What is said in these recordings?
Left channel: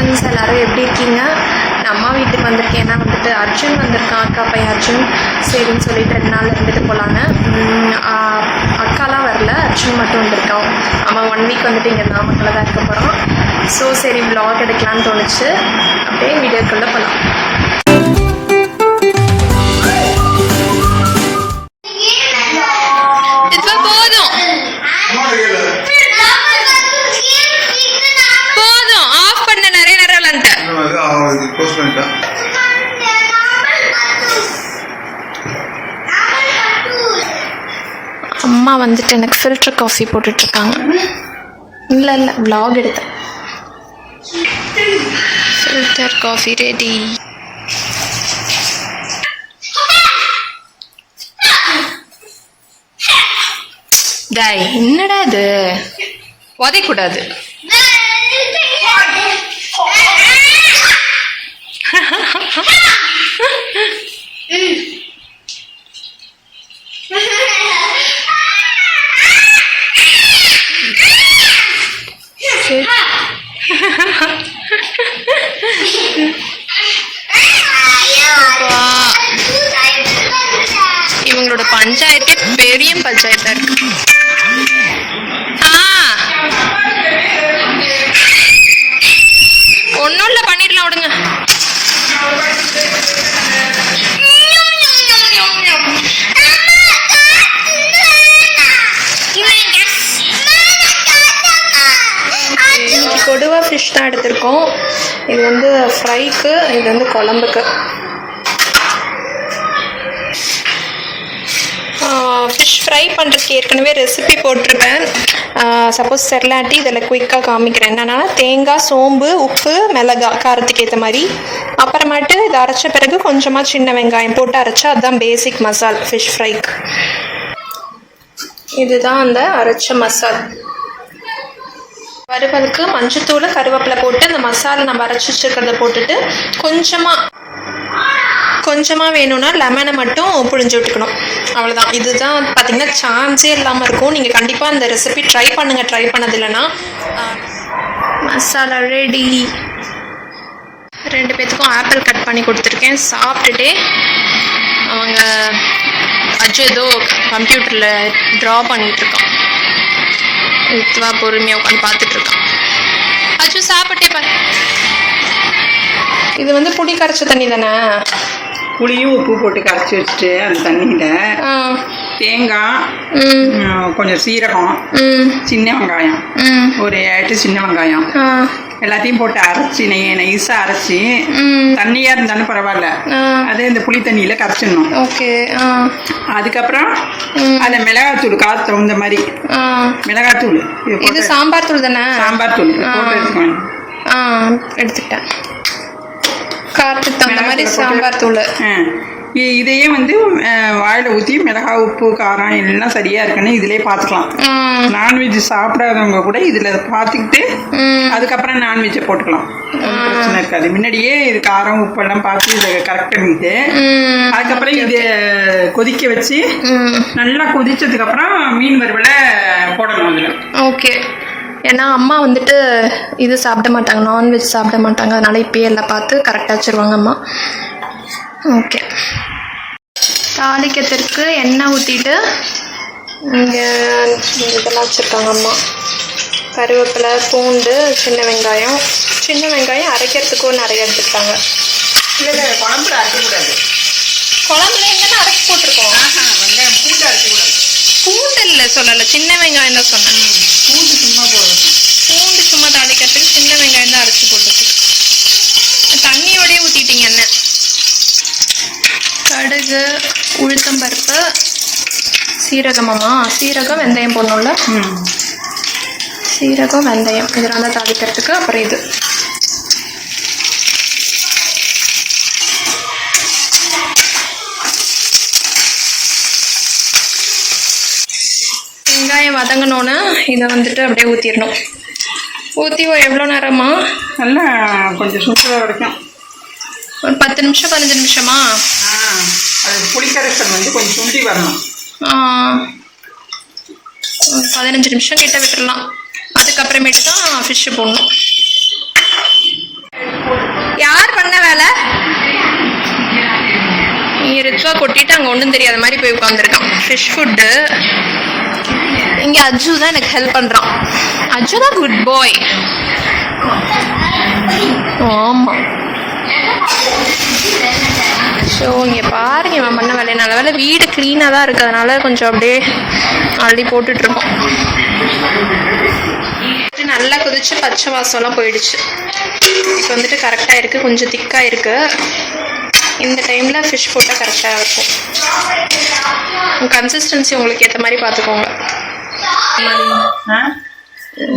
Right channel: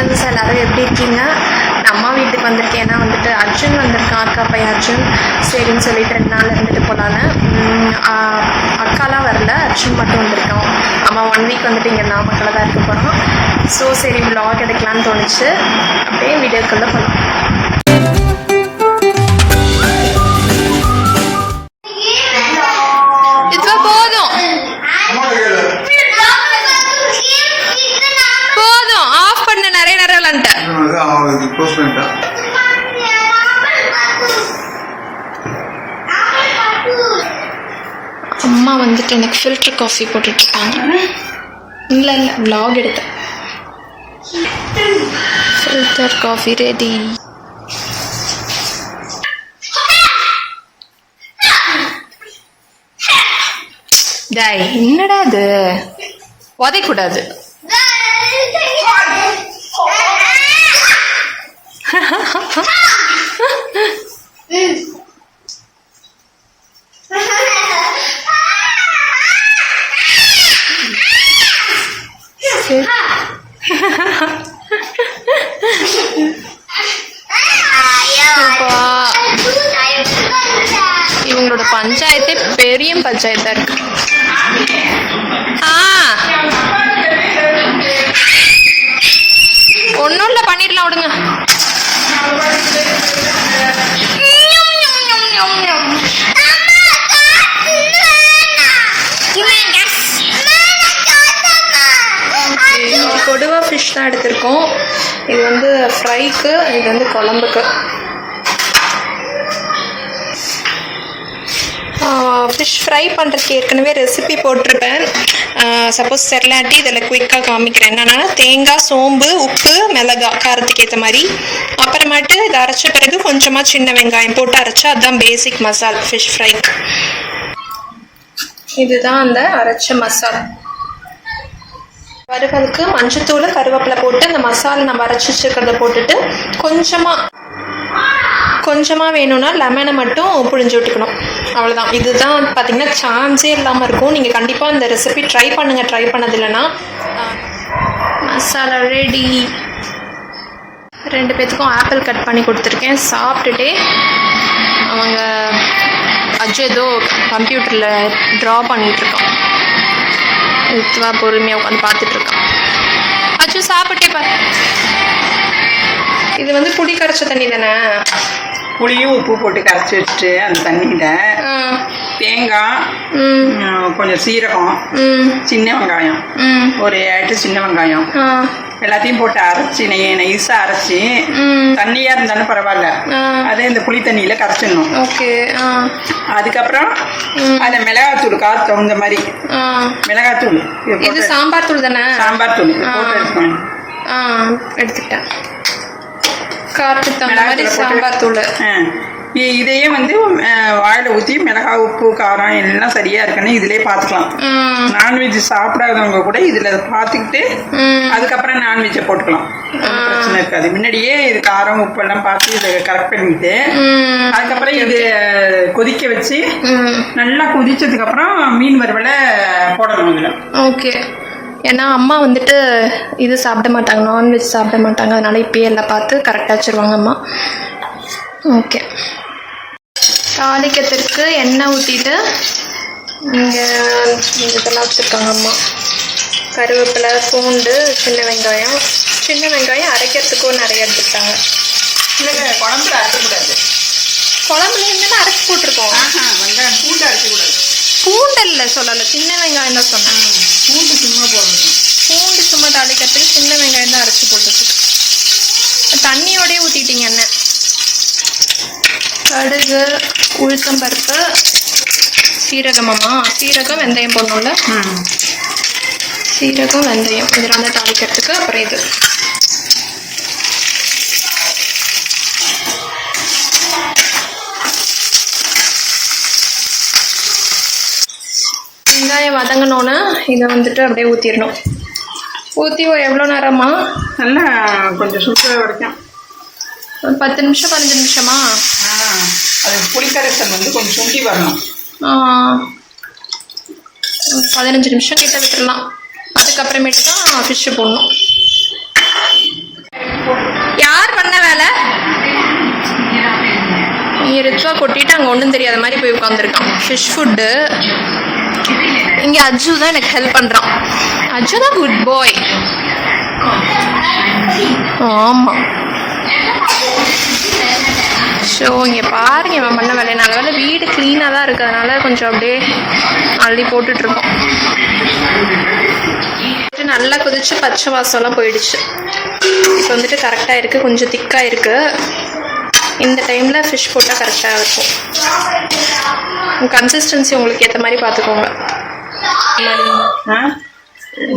Friends, எல்லோரும் எப்படி இருக்கீங்க? நான் அம்மா வீட்டுக்கு வந்திருக்கேன். ஏன்னா வந்துட்டு அர்ஜுன் வந்திருக்கான், அக்கா பையன் அர்ஜுன். சரின்னு சொல்லிட்டு 2 நாள் இருந்துட்டு போகலான்னு. அக்காலாம் வரல, அர்ஜுன் மட்டும் வந்திருக்கான். அம்மா 1 வீக் வந்துட்டு இங்கே நாமக்கல்ல தான் இருக்க போகிறோம். ஸோ சரி vlog எடுக்கலான்னு தோணுச்சு. அப்படியே வீடியோக்குள்ளே போகலாம். அம்மா வந்துட்டு எனக்கு ஃபில்டர் காஃபி போட்டுட்ருக்காங்க. இல்லை vlog எடுத்தேன். Filter coffee ready. டேய் என்னடா இது, உதைக்கூடாது. இவங்களோட பஞ்சாயத்தே பெரிய பஞ்சாயத்தா இருக்கு. ஒன்னும் இல்ல, பண்ணிடலாம் விடுங்க. கொடுவா ஃபிஷ் தான் எடுத்திருக்கோம். இது வந்து ஃப்ரைக்கு, இது வந்து குழம்புக்கு. ஃபிஷ் ஃப்ரை பண்ணுறதுக்கு ஏற்கனவே ரெசிபி போட்டிருப்பேன். சப்போஸ் செரலாட்டி இதில் குயிக்காக காமிக்கிறேன். என்னென்னா தேங்காய், சோம்பு, உப்பு, மிளகாய் காரத்துக்கு ஏற்ற மாதிரி. அப்புறமேட்டு இதை அரைச்ச பிறகு கொஞ்சமாக சின்ன வெங்காயம் போட்டு அரைச்சா அதுதான் பேசிக் மசால் ஃபிஷ் ஃப்ரைக்கு. இதுதான் அந்த அரைச்ச மசால். வறுவலுக்கு மஞ்சத்தூள், கருவேப்பிலை போட்டு அந்த மசாலா நம்ம அரைச்சி வச்சுருக்கிறத போட்டுட்டு கொஞ்சமாக வேணும்னா லெமனை மட்டும் புழிஞ்சு விட்டுக்கணும். அவ்வளோதான். இதுதான் பார்த்திங்கன்னா சான்ஸே இல்லாமல் இருக்கும். நீங்கள் கண்டிப்பாக அந்த ரெசிபி ட்ரை பண்ணுங்கள். ட்ரை பண்ணது இல்லைன்னா. மசாலா ரெடி. 2 பேத்துக்கும் ஆப்பிள் கட் பண்ணி கொடுத்துருக்கேன். சாப்பிட்டுட்டே அவங்க அஜு ஏதோ கம்ப்யூட்டரில் ட்ரா பண்ணிகிட்ருக்கான். இதுவா பொறுமையாக உட்காந்து பார்த்துட்ருக்கான். அஜு சாப்பிட்டே பாரு. இது வந்து புளி கரைச்ச தண்ணி தானே? புளியும் உப்பு போட்டு கரைச்சி வச்சுட்டு அந்த தண்ணியில் தேங்காய், கொஞ்சம் சீரகம், சின்ன வெங்காயம், ஒரு 8 சின்ன வெங்காயம் எல்லாத்தையும் போட்டு அரைச்சி நைஸாக அரைச்சி, தண்ணியாக இருந்தாலும் பரவாயில்ல, அதே இந்த புளி தண்ணியில் கரைச்சிடணும். அதுக்கப்புறம் அதை மிளகாத்தூள் காற்று தகுந்த மாதிரி மிளகாத்தூள், இது சாம்பார் தூள் தானே? சாம்பார் தூள் போட்டு எடுத்துக்கணும். எடுத்துக்கிட்டேன். காரத்துக்கு தகுந்த மாதிரி சாம்பார் தூள். இதையே வந்து வாயில் ஊற்றி மிளகாய், உப்பு, காரம் எல்லாம் சரியா இருக்குன்னு இதிலே பார்த்துக்கலாம். நான்வெஜ் சாப்பிடாதவங்க கூட இதில் பார்த்துக்கிட்டு அதுக்கப்புறம் நான்வெஜ்ஜை போட்டுக்கலாம். பிரச்சனை இருக்காது. முன்னாடியே இது காரம், உப்பு எல்லாம் பார்த்து இதை கரெக்ட் பண்ணிட்டு அதுக்கப்புறம் இது கொதிக்க வச்சு நல்லா கொதிச்சதுக்கு அப்புறம் மீன் வறுவலை போடணும் அதில். ஓகே. ஏன்னா அம்மா வந்துட்டு இது சாப்பிட மாட்டாங்க, நான்வெஜ் சாப்பிட மாட்டாங்க. அதனால இப்பயே எல்லாம் பார்த்து கரெக்டாக வச்சுருவாங்க அம்மா. ஓகே. தாளிக்கிறதுக்கு எண்ணெய் ஊற்றிட்டு இங்கே இதெல்லாம் வச்சுருக்காங்க அம்மா. கருவேப்பிலை, பூண்டு, சின்ன வெங்காயம் அரைக்கிறதுக்கும் நிறைய எடுத்துக்கிட்டாங்க. இல்லை, குழம்புல அரைக்கக்கூடாது. குழம்புல என்னென்ன அரைச்சி போட்டிருக்கோம். பூண்டு அரைக்கக்கூடாது. பூண்டு இல்லை சொல்லலை, சின்ன வெங்காயம் தான் சொன்னேன். பூண்டு சும்மா போடணும். பூண்டு சும்மா தாளிக்கிறதுக்கு சின்ன வெங்காயம் தான் அரைச்சி போட்டுருக்கு. தண்ணியோடய ஊற்றிட்டீங்க எண்ணெய். கடுகு, உளுத்தம்பருப்பு, சீரகமாம்மா, சீரகம், வெந்தயம் போடணும்ல. சீரகம், வெந்தயம் இதெல்லாம் தான் தாளிக்கிறதுக்கு. அப்புறம் இது வெங்காயம் வதங்கணுன்னு இதை வந்துட்டு அப்படியே ஊற்றிடணும். ஊற்றி எவ்வளோ நேரமா? நல்லா கொஞ்சம் சுடுற வரைக்கும் ஒரு 10 நிமிஷம் 15 நிமிஷமா? அது புளிக்கரைசல் வந்து கொஞ்சம் சுண்டி வரணும். 15 நிமிஷம் கிட்ட விட்டுடலாம். அதுக்கப்புறமேட்டு தான் ஃபிஷ்ஷு போடணும். இங்கே ரித்வா கொட்டிட்டு அங்கே ஒன்றும் தெரியாத மாதிரி போய் உட்காந்துருக்கான். Fish food. இங்கே அஜு தான் எனக்கு ஹெல்ப் பண்ணுறான். அஜு தான் குட் பாய். ஆமாம். ஸோ இங்கே பாருங்க இவன் பண்ண வேலையை. நல்ல வீடு க்ளீனாக தான் இருக்கிறதுனால கொஞ்சம் அப்படியே அள்ளி போட்டுட்ருக்கோம். நல்லா கொதிச்சு பச்சை வாசம்லாம் போயிடுச்சு. இப்போ வந்துட்டு கரெக்டாக இருக்குது, கொஞ்சம் திக்காக இருக்குது. இந்த டைமில் ஃபிஷ் போட்டால் கரெக்டாக இருக்கும். கன்சிஸ்டன்சி உங்களுக்கு ஏற்ற மாதிரி பார்த்துக்கோங்க.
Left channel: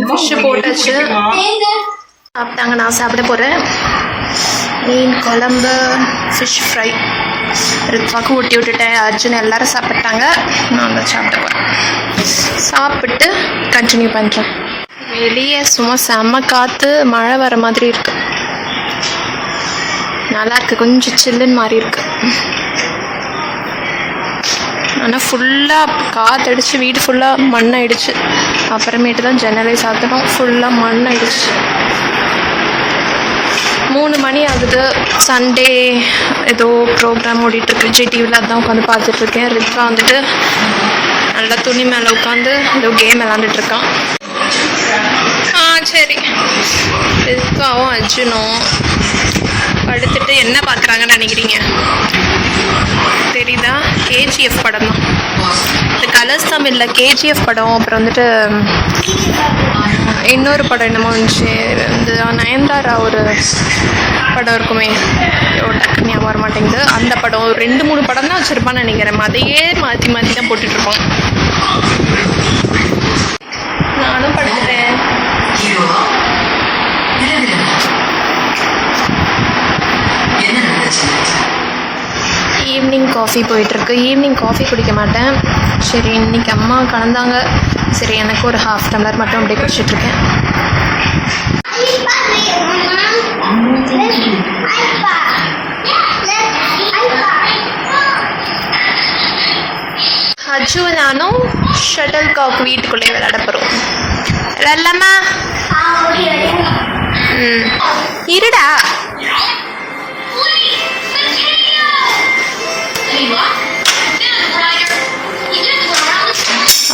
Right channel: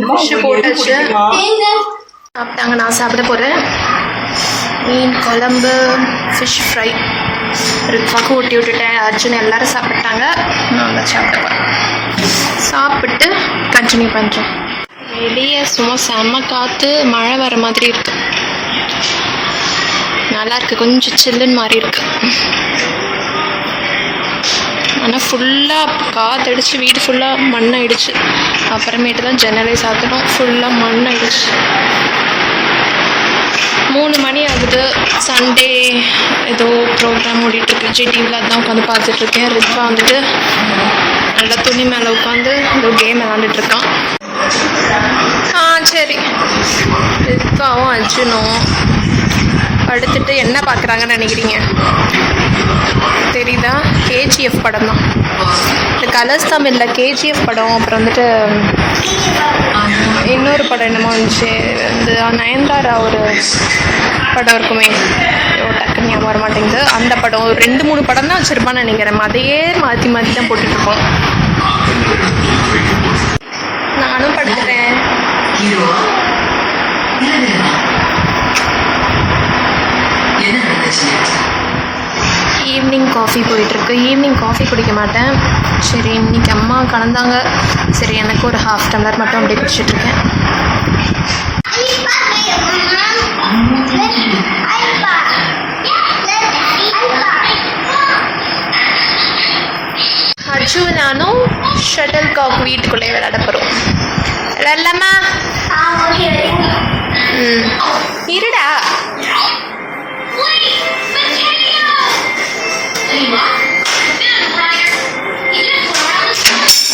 ஃபிஷ்ஷு போட்டாச்சு, சாப்பிட்டாங்க. நான் சாப்பிட போகிறேன். மீன் குழம்பு, ஃபிஷ் ஃப்ரை ரித்வாக்கு ஊட்டி விட்டுட்டேன். அர்ஜுன் எல்லாரும் சாப்பிட்டாங்க. நான் தான் சாப்பிட போகிறேன். சாப்பிட்டு கண்டினியூ பண்ணுறோம். வெளியே சும்மா செம்ம காற்று, மழை வர மாதிரி இருக்கு. நல்லா இருக்கு, கொஞ்சம் சில்லுன்னு மாதிரி இருக்கு. ஆனால் ஃபுல்லாக காற்றடிச்சு வீடு ஃபுல்லாக மண்ணாயிடுச்சு. அப்புறமேட்டு தான் ஜன்னலை சாத்தணும். ஃபுல்லாக மண்ணாயிடுச்சு. 3 மணி ஆகுது. சண்டே ஏதோ ப்ரோக்ராம் ஓடிட்டுருக்கு விஜய் டிவியில். அதான் உட்காந்து பார்த்துட்ருக்கேன். ரித்வா வந்துட்டு நல்லா துணி மேலே உட்காந்து ஏதோ கேம் விளாண்டுட்ருக்கான். சரி, ரித்வாவும் அர்ஜுனும் படுத்துட்டு என்ன பார்க்குறாங்கன்னு நினைக்கிறீங்க? தெரியுதா? கேஜிஎஃப் படம் தான். இந்த கலர்ஸ் தமிழில் கேஜிஎஃப் படம், அப்புறம் வந்துட்டு இன்னொரு படம் என்னமோ வந்துச்சு, இந்த நயன்தாரா ஒரு படம் இருக்குமே, டக்குன்னு ஞாபகம் வர மாட்டேங்குது. அந்த படம் 2-3 படம் தான் வச்சுருப்பான்னு நினைக்கிறேன். அதையே மாற்றி மாற்றி தான் போட்டுட்ருப்போம். நானும் படுத்துட்டேன். ஈவினிங் காஃபி போயிட்டுருக்கு. ஈவினிங் காஃபி குடிக்க மாட்டேன். சரி, இன்னைக்கு அம்மா கலந்தாங்க. சரி, எனக்கு ஒரு 1/2 டம்ளர் மட்டும் அப்படியே குடிச்சிட்ருக்கேன். அஜு நானும் ஷட்டில் காக் வீட்டுக்குள்ளே விளையாட போகிறோம். விளையாடலாமா? இருடா.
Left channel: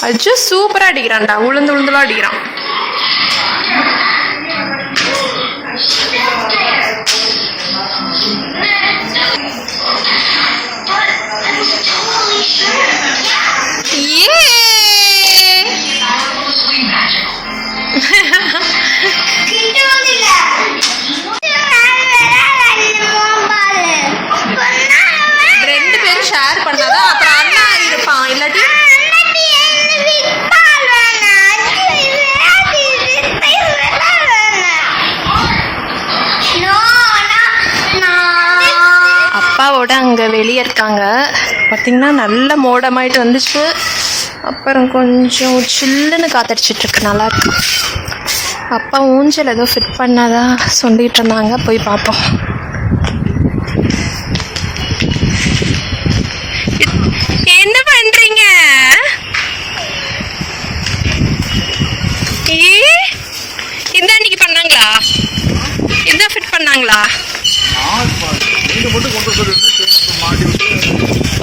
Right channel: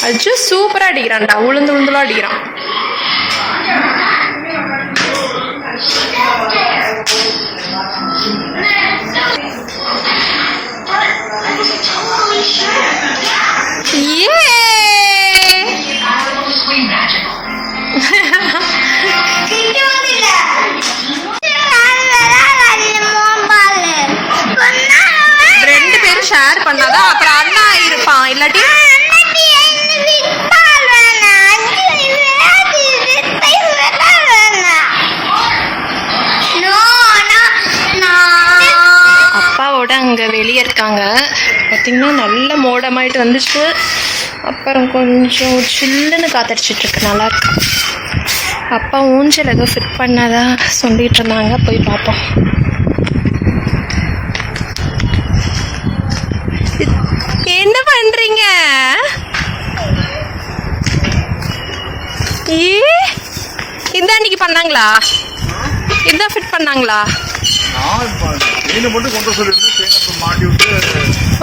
அஜு சூப்பரா அடிக்கிறான்டா. உளுந்துலாம் அடிக்கிறான். ரெண்டு பேரும் ஷேர் பண்ணாதான் அப்புறம் அண்ணா இருப்பான். இல்லாட்டி அப்பாவோட அங்கே வெளியே இருக்காங்க. பார்த்திங்கன்னா நல்ல மோடமாயிட்டு வந்துச்சு. அப்புறம் கொஞ்சம் சில்லுன்னு காத்தடிச்சிட்ருக்கு. நல்லாயிருக்கு. அப்பா ஊஞ்சல் ஏதோ ஃபிட் பண்ணாதா சொல்லிகிட்டு இருந்தாங்க. போய் பார்த்தோம். என்ன பண்ணுறீங்க? இதான் அன்றைக்கி பண்ணாங்களா? இதான் ஃபிட் பண்ணாங்களா?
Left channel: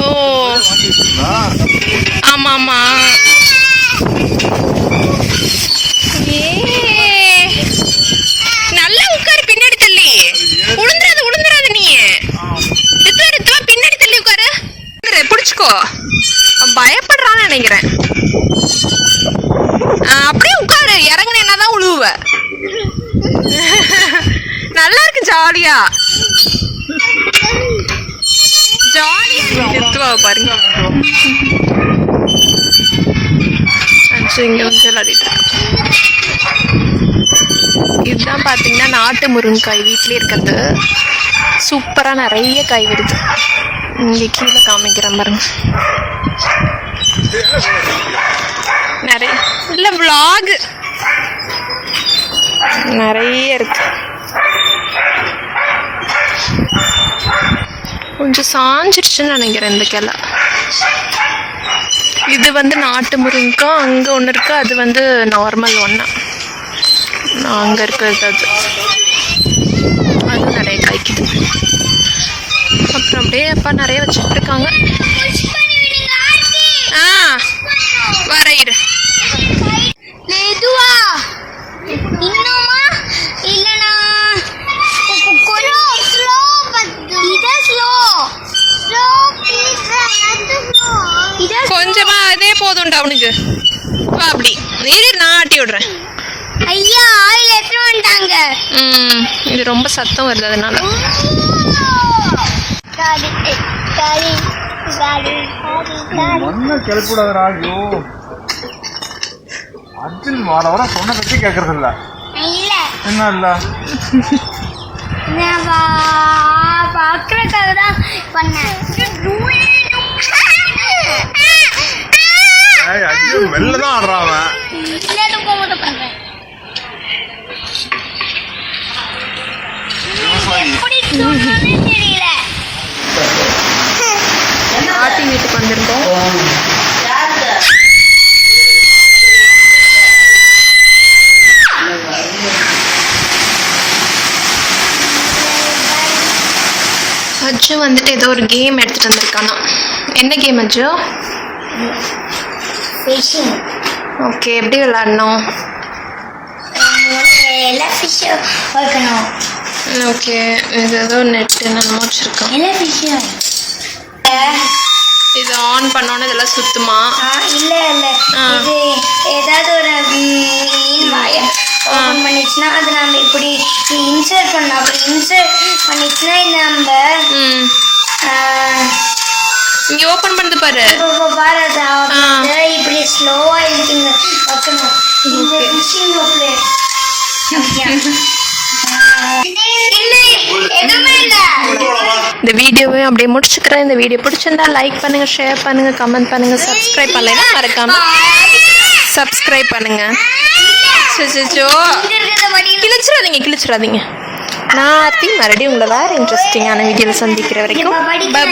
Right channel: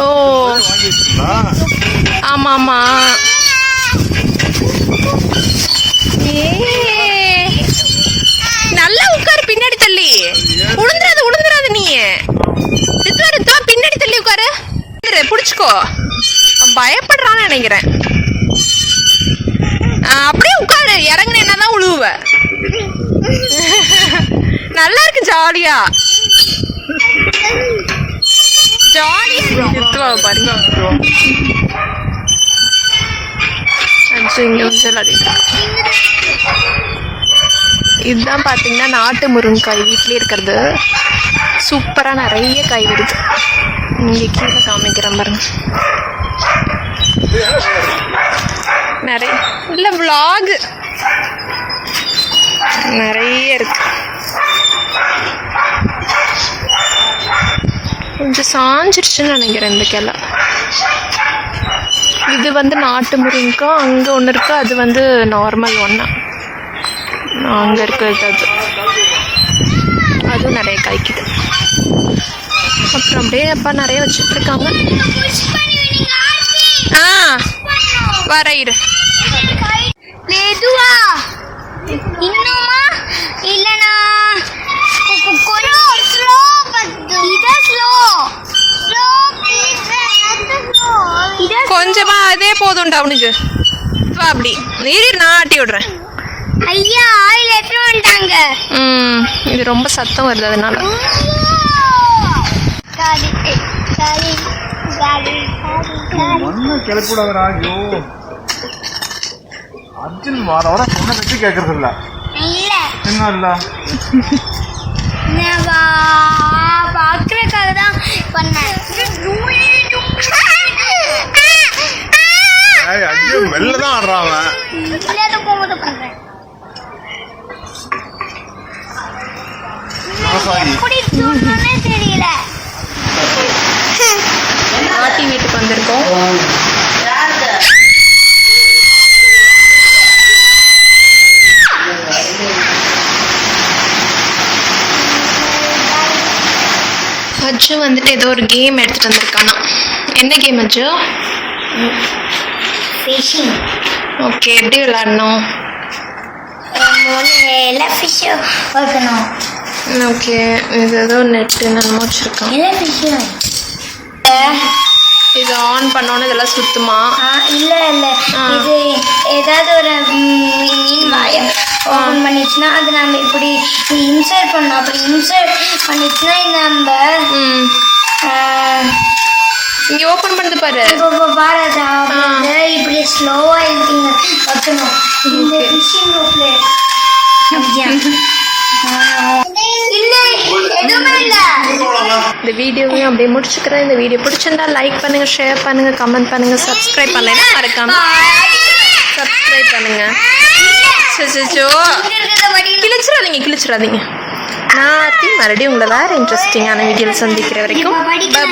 ஓ ஆமா ஆமா. நல்லா உட்காரு, பின்னாடி தள்ளி. உளுந்துராது நீ. ரித்வா பின்னாடி தள்ளி உட்காரு. பிடிச்சுக்கோ. பயப்படுறான்னு நினைக்கிறேன். அப்படியே உட்காரு. இறங்குன என்னதான் உழுவ. நல்லா இருக்கு. ஜாலியா இருக்கு. ரித்வாவை பாருங்க. இங்க வந்து விளையாடிட்டு இருக்கோம். இதுதான் பாத்தீங்கன்னா நாட்டு முருங்கைக்காய் வீட்லயே இருக்கிறது. சூப்பரா நிறைய காய் வருது. இங்க கீழே காமிக்கிறேன் பாருங்க. நிறைய இல்ல vlog நிறைய இருக்கு. கொஞ்சம் சாஞ்சிருச்சுன்னு நினைக்கிறேன் இந்த கிளை. இது வந்து நாட்டு முருங்கைக்காய். அங்கே ஒன்று இருக்கு, அது வந்து நார்மல் ஒன்றா. அங்கே இருக்கிறது அதுவும் நிறைய காய்க்குது. அப்புறம் அப்படியே அப்பா நிறைய வச்சுட்ருக்காங்க. வர இரு. மெதுவா இன்னுமா இல்லனா கொஞ்சம் ஸ்லோ கொஞ்சமா அதே போதும் டவுனுக்கு வா. அப்படி நீதி நான் ஆட்டி விடுறேன். ஐயா ஆயில் எடுத்து வந்துட்டாங்க. இது ரொம்ப சத்தம் வருது அதனால. கிளப்பிடாதா? ஐயோ அர்ஜுன் வர வர சொன்ன பற்றி கேட்கறது இல்ல. என்ன இல்ல பாக்குறதுக்காக தான் பண்ணேன். மெல்லதான் ஆடுறாங்க. தெரியல. பாட்டி வீட்டுக்கு வந்திருக்கோம். அஜு வந்துட்டு ஏதோ ஒரு கேம் எடுத்துட்டு வந்திருக்கானா. என்ன கேம் அஜு? ஃபிஷிங். ஓகே, எப்படி விளையாடணும்? ஓகே, இது ஏதோ நெட்டு என்னமோ வச்சிருக்கோம். இது ஆன் பண்ணோன்னு இதெல்லாம் சுத்துமா? இல்ல இது ஏதாவது ஒரு மீன் வாயை ஓப்பன் பண்ணிச்சுன்னா அது நம்ம இப்படி இன்சர்ட் பண்ணோம். அப்படி இன்சர்ட் பண்ணிச்சுன்னா நம்ம இங்க ஓபன் பண்ணது பாரு. பாரு அது இப்படி ஸ்லோவா இருக்குங்க வைக்கணும். இந்த ஃபிஷிங் ஹூக்ல இந்த வீடியோவை அப்படியே முடிச்சுக்கிறேன். இந்த வீடியோ பிடிச்சிருந்தா லைக் பண்ணுங்க, ஷேர் பண்ணுங்க, கமெண்ட் பண்ணுங்க, சப்ஸ்கிரைப் பண்ணலைன்னா மறக்காம சப்ஸ்கிரைப் பண்ணுங்க. கிழிச்சிடாதீங்க. நான் மறுபடியும் உங்களை வேற இன்ட்ரெஸ்டிங்கான வீடியோவில் சந்திக்கிற வரைக்கும் பாய்.